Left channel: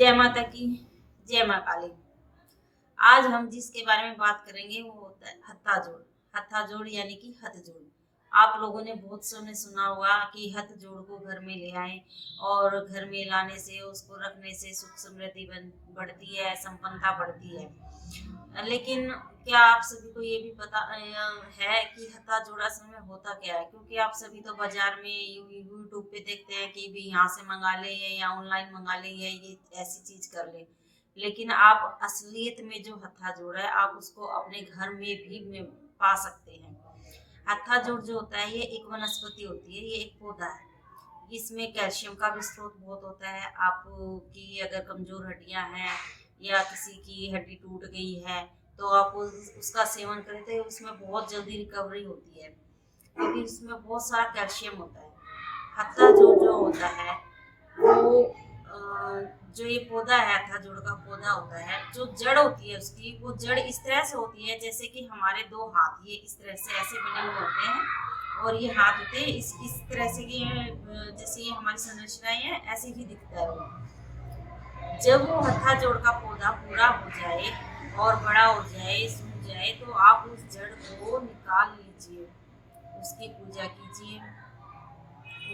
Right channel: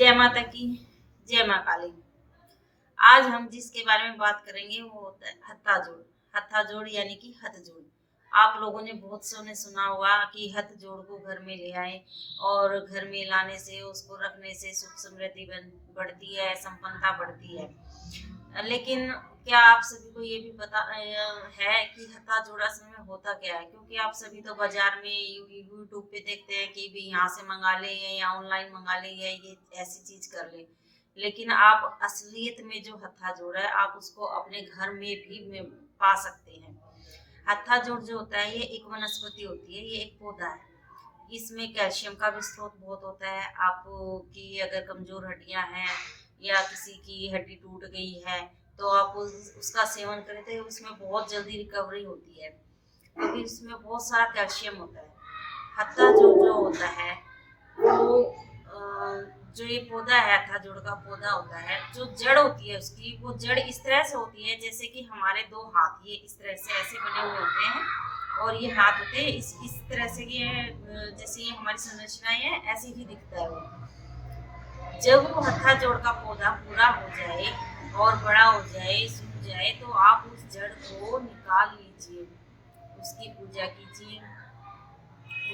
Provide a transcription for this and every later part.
जय माता की, जय माँ काली। आज हम जिसके बारे में बात करेंगे वो होता है हत्था जोड़। हत्था जोड़ यानी कि हथ जोड़। आप लोगों ने बहुत सौ ने सुना होगा कि हथ जोड़ को घर में ले आए और घर में लाने से, उसको रखने से सुख समृद्धि बढ़ती है, संपन्नता बढ़ती है। लेकिन क्या आप सभी को ये भी पता है कि हत्था जोड़ असल में होता क्या है? क्योंकि आप सभी तो बाजार में यूट्यूब पे देखते हैं कि भी यहाँ से मंगा ले या ऑनलाइन मंगा ले या ये ऐसी चीज कर ले, लेकिन आप असलियत में जो हत्था जोड़ है आप उसको अपने घर में भी पा सकते हैं। हत्था जोड़ जो होता है ये एक वनस्पति होती है, ये एक पौधा है। इसमें कैल्शियम का भी स्रोत बहुत होता है। आपकी अगर कमजोर हड्डियां हैं या किसी की हड्डी टूट गई है तो आप उसका सेवन करें तो उसमें बहुत जल्दी रिकवरी होती है, क्योंकि उसमें बहुत सारा कैल्शियम होता है। हत्था जोड़ जो होता है वो जो ये पौधा है, हत्था जोड़ का पौधा होता है, जो जड़ होती है उसकी, वो जड़ इस तरह से होती है जैसे कि हमारे दो हाथ ये इस तरह से ऐसे बने हुए होते हैं और ये हाथ होते हैं इस तरह से, ये जैसे ये हमारी संरचना है ऐसे ही दिखता है वो। जब वो हत्था जोड़ का पौधा पूरा हो जाए और बड़ा हो जाए, सूख जाए, तो आप उस जड़ को निकाल लीजिए, उसकी पूजा कीजिए,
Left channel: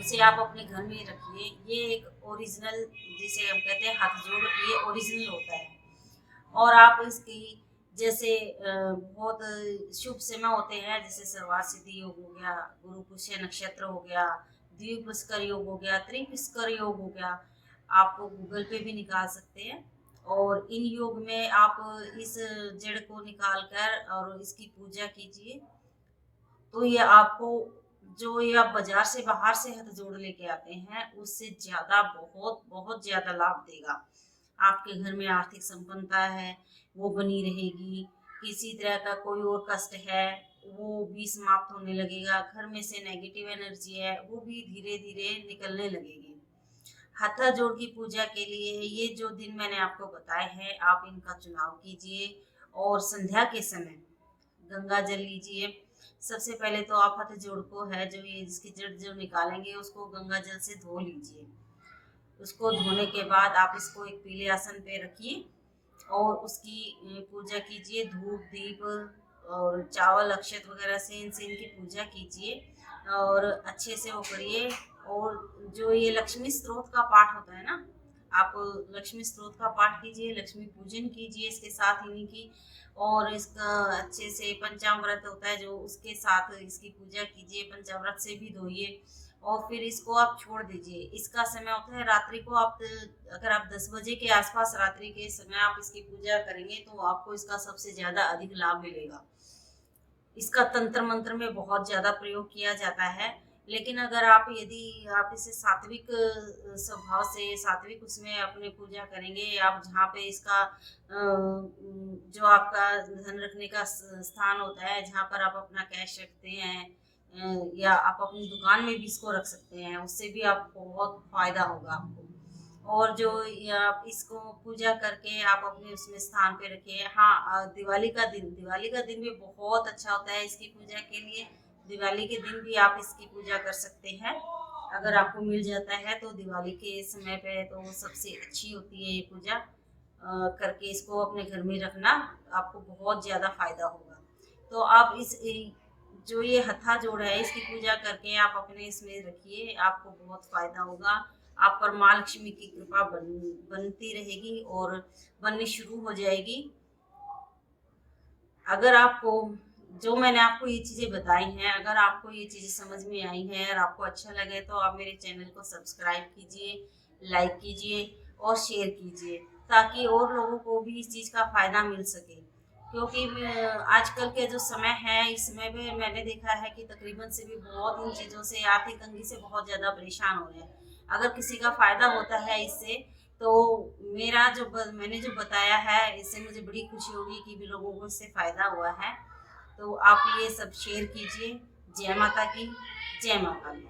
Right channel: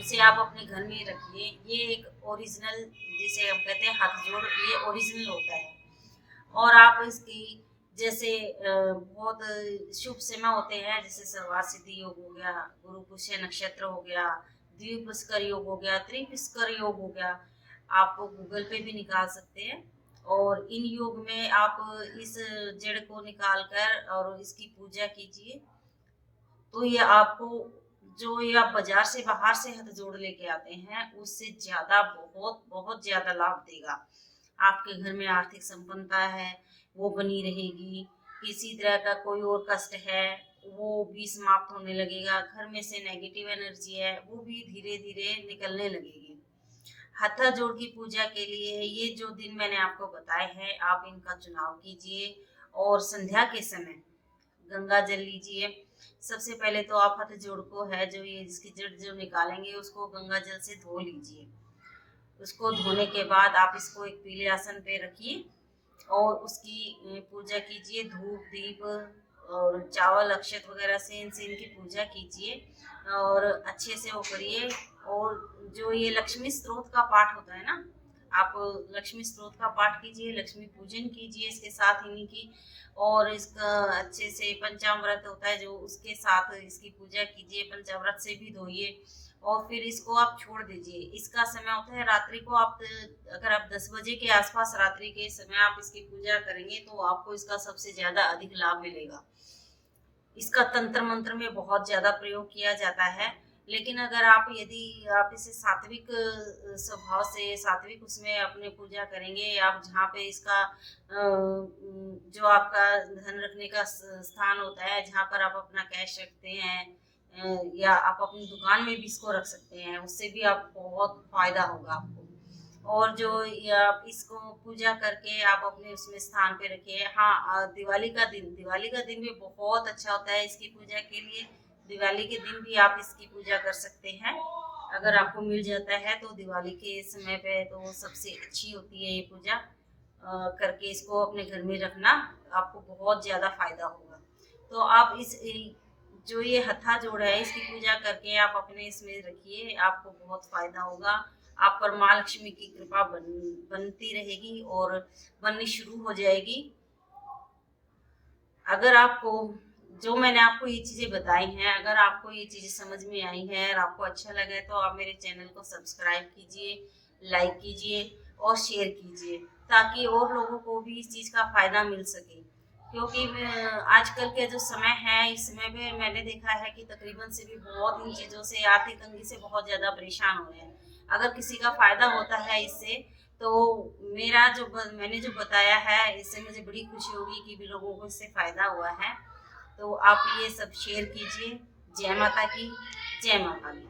उसे आप अपने घर में रखिए। ये एक ओरिजिनल, जिसे हम कहते हैं हाथ जोड़, ये ओरिजिनल होता है। और आप इसकी जैसे बहुत शुभ समय होते हैं, जैसे सर्वार्थ सिद्धि योग हो गया, गुरु पुष्य नक्षत्र हो गया, द्विपुष्कर योग हो गया, त्रिपुष्कर योग हो गया, आप गूगल पे भी निकाल सकते हैं। और इन योग में आप इस जड़ को निकाल कर और इसकी पूजा कीजिए, तो ये आपको, जो ये आप बाजार से बाहर से हथ जोड़ लेके आते हैं उससे ज्यादा, बहुत बहुत ज्यादा लाभ देगा। आपके घर में आर्थिक संपन्नता है वो बनी रहेगी, किसी तरह का कोई और कष्ट है वो भी समाप्त होने लगेगा, घर में से नेगेटिव एनर्जी है वो भी धीरे धीरे निकलने लगेगी। हत्था जोड़ की पूजा के लिए ये जो दिन मैंने आपको बताए हैं आप इनका चुनाव कीजिए और संध्या के समय गंगा जल लीजिए। सबसे पहले तो आप हथ जोड़ को है जो ये इसकी जड़ जो निकालेंगे उसको गंगा जल से धो लीजिए। उसको धोने के बाद आप इसको एक पीले आसन पे रखिए और उसकी पूजा कीजिए, धूप दीप और चावल अक्षत वगैरह से इनसे इनकी पूजा कीजिए और अच्छे से वो करिए। और जो ये लक्ष्मी स्त्रोत का पाठ होता है ना, आप लक्ष्मी स्त्रोत का पाठ कीजिए, लक्ष्मी पूजन कीजिए इसके साथ इन्हीं की, और इसका अच्छे से पंचामृत होता है जो, उसके साथ इसकी पूजा कीजिए, पंचामृत से भी धोइए और फिर इसको आप छोड़ दीजिए। इसका समय होता है रात्रि को, आप अगर आप 10 बजे के आसपास रात्रि के समय आप इसकी पूजा करेंगे तो आपको इसका सबसे ज्यादा अधिक लाभ मिलेगा। इसका तंत्र मंत्र में बहुत ज्यादा प्रयोग किया जाता है, लेकिन अगर आप, यदि आप इसे सात्विक स्वभाव से, सात्विक उसमें अपने पूजा करेंगे, आप जहाँ पे इसका जो आपका धन रखने का स्थान होता है, जहाँ पर आप अपना कैश रखते हैं या आप अपनी दुकान में भी इसको रख सकते हैं, उससे भी आप बहुत फायदा होगा आपको। और जो आप इसको पूजा करके आप अपने उसमें स्थान पे रखिए। हाँ, दिवाली का दिन भी बहुत अच्छा होता है इसकी पूजा के लिए। दिवाली के दिन भी आप इसकी पूजा कर सकते हैं, अगर आपको मिल जाता है तो। दिवाली के समय पे तो सबसे अच्छी होती है ये पूजा, करके इसको अपने घर में रखना, आपको बहुत ज़्यादा फायदा होगा। तो आप इस जो ये हत्था जोड़ है इसकी पूजा करके आप अपने इसमें रखिए, आपको बहुत फायदा होगा। आप पर माँ लक्ष्मी की कृपा बनती रहेगी और बननी शुरू हो जाएगी। अगर आपको, जो मैंने आपको ये चीज़ें बताई हैं, अगर आपको ये चीज़ें समझ में आई हैं और आपको अच्छा लगे तो आप मेरे चैनल को सब्सक्राइब कीजिए, लाइक कीजिए और शेयर कीजिए, ताकि और लोगों को भी इस चीज़ का फ़ायदा मिल सके। क्योंकि आजकल के जो समय है, इस समय पे मैंने देखा है कि तकरीबन से भी बहुत इन चीज़ों से, आर्थिक तंगी से बहुत ज़्यादा परेशान हो रहे हैं। अगर किसी का फ़ायदा होता है इससे, तो मेरा जो मैंने जो बताया है इससे मुझे बड़ी खुशी होगी कि भी लोगों को इससे फ़ायदा हुआ है। तो आप ये सब शेयर कीजिए। जय माता की, जय माता दी।